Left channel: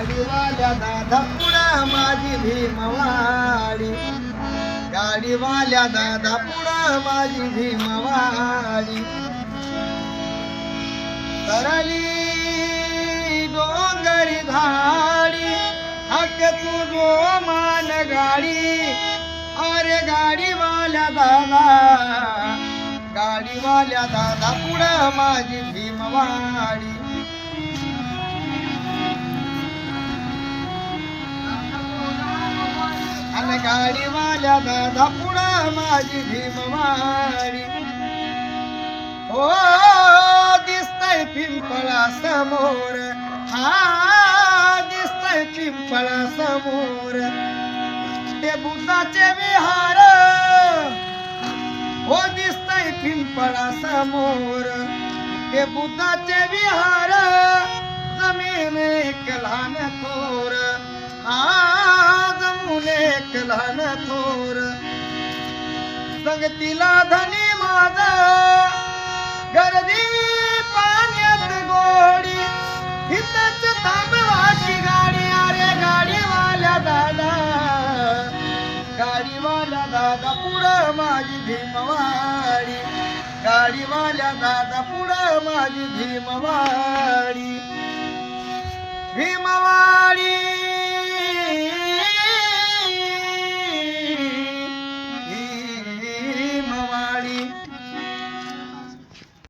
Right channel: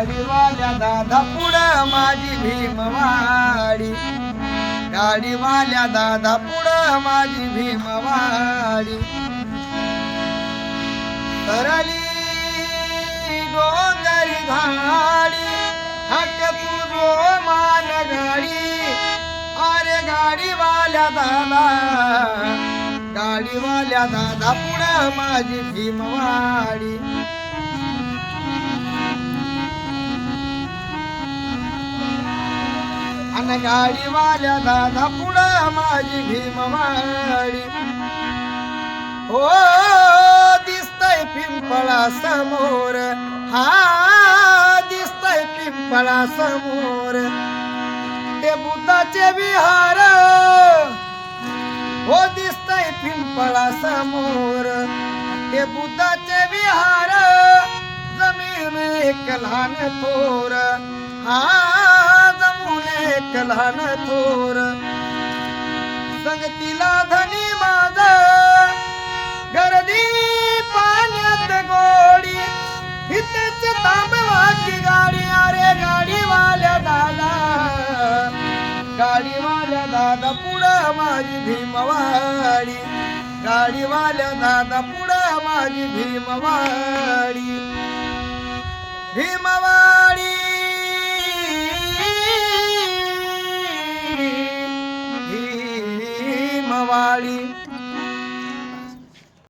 गाडीवाल्या दादा पुढं माझी भीमवाडी, गाडीवाल्या दादा पुढं माझी भीमवाडी. तरली डोंगरी धाडी हक तुझो मान गाडी, अरे गाडीवाल्या दादा, गाडीवाल्या दादा पुढं माझी भीमवाडी. आणि गाडीवाल्या दादा पुढं माझी भीमवाडी. हो दिसतय पिंपळा समोर, हा दिसतय पिंपळा समोर ते बुद्धाचे विहार. हो दिसतय पिंपळा समोर ते बुद्धाचे विहार. जमीन एक लहान थोर, हा जमून एक लहान थोर. संगतीला धनी माझा गर्दी पाण्यात गोडी, हितच तांबवाची गाडी. अरे गाडीवाल्या दादा, गाडीवाल्या दादा पुढं माझी भीमवाडी, गाडीवाल्या दादा पुढं माझी भीमवाडी. भीमवाडी